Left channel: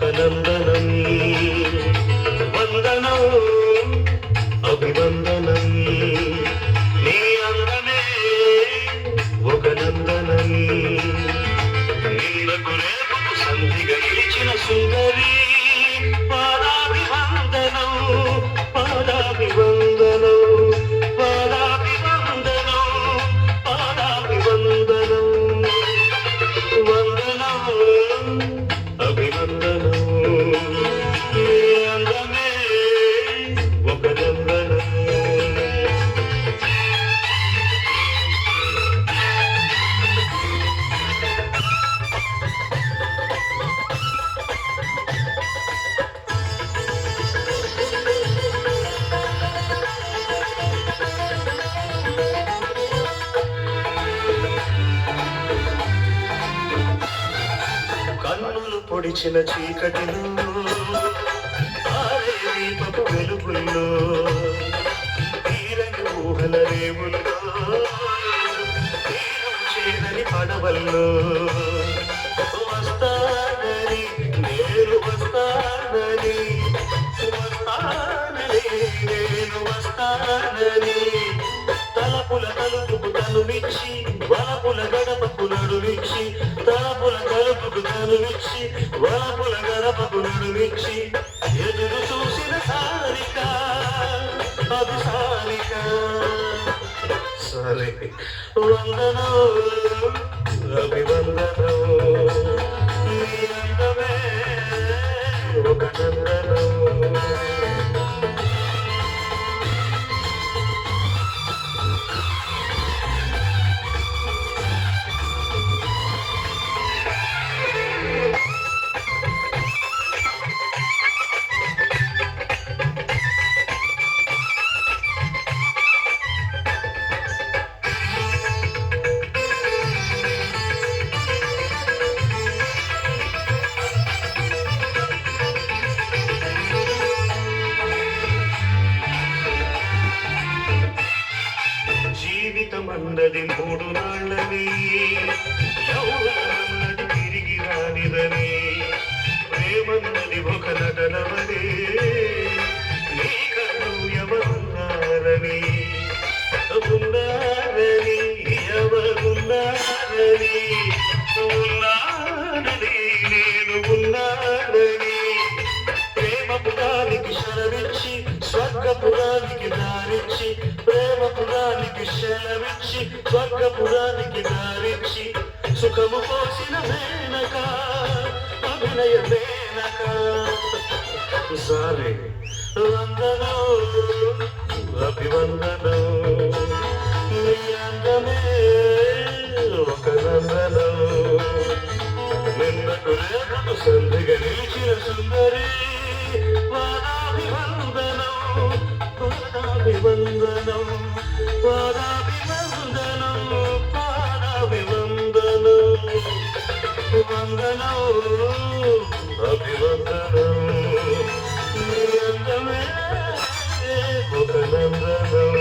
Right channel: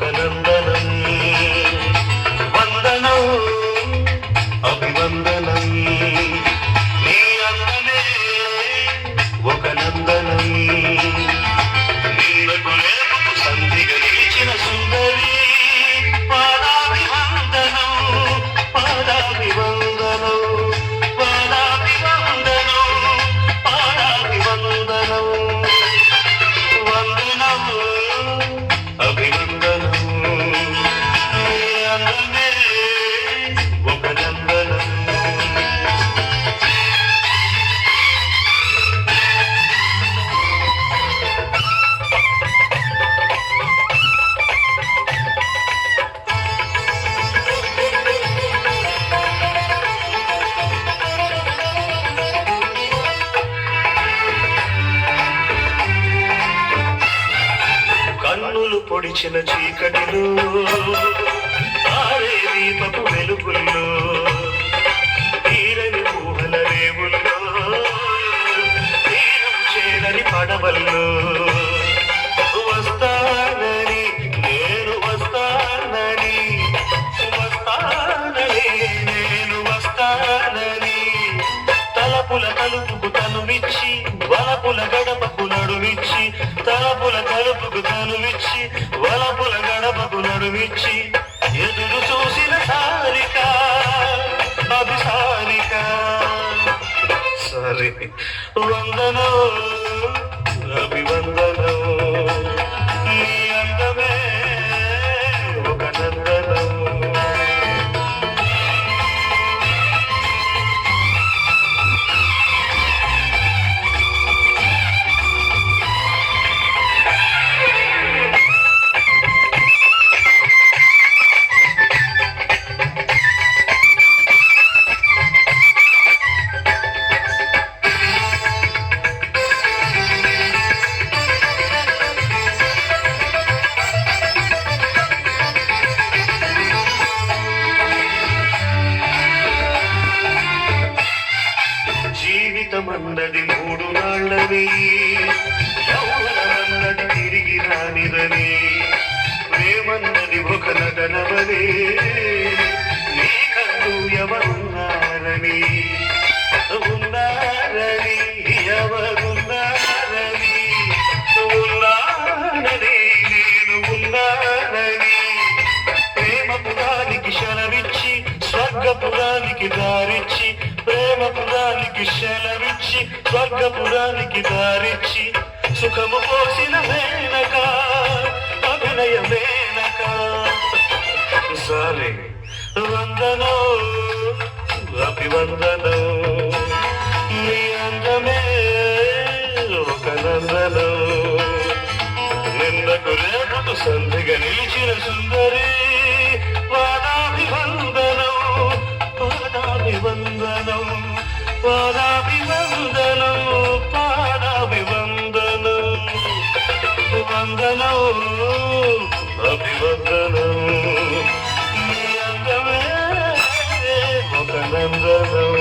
ఒక నందనం వందనం అభివందనం నీ అందమే ఒక నందనం నిన్నకు నేలకు సంధిగా నిలిచిన సుందరి పాదాభివందనం పాదాభివందనం పాదాభివందనం పాదాభివందనం వందనం అభివందనం నీ అందమే ఒక నందనం. కన్నులు పొడిచిన చీకటిలో ఆరే దీపపు వెలుగుల్లో తీరని ఊహల రేవుల్లో తీరం చేరని పడవల్లో వస్తానని నేను వస్తానని వస్తానని నేను వస్తానని తలపుల కలుపుకు తనువిచ్చి వలపుల గడపకు నడువిచ్చి తలపుల కలుపుకు తనువిచ్చి వలపుల గడపకు నడువిచ్చి ఎదురు చూసిన సారిక అభిసారిక సరే వందనం అభివందనం నీ అందమే ఒక నందనం. జీవితమన్నది మూడు నాళ్ళని యౌవనమన్నది తిరిగి రానిదని ప్రేమన్నది ఒక నటనవని నీకంటూ ఎవరున్నారని ఉన్నారని ఎవరున్నారని ఉన్నానని నేను ఉన్నానని ప్రేమ పురానికి శరవిచ్చి స్వర్గపురానికి దారిచ్చి ప్రేమ పురానికి శరవిచ్చి స్వర్గపురానికి దారిచ్చి సుఖము పోసిన మేనక అభినయ మేనక సారే వందనం అభివందనం నీ అందమే ఒక నందనం నిన్నకు లేఖకు సంధిగా నిలిచిన సుందరి పాదాభివందనం పాదాభివందనం పాదాభివందనం పాదాభివందనం వందనం అభివందనం నీ అందమే ఒక నందనం.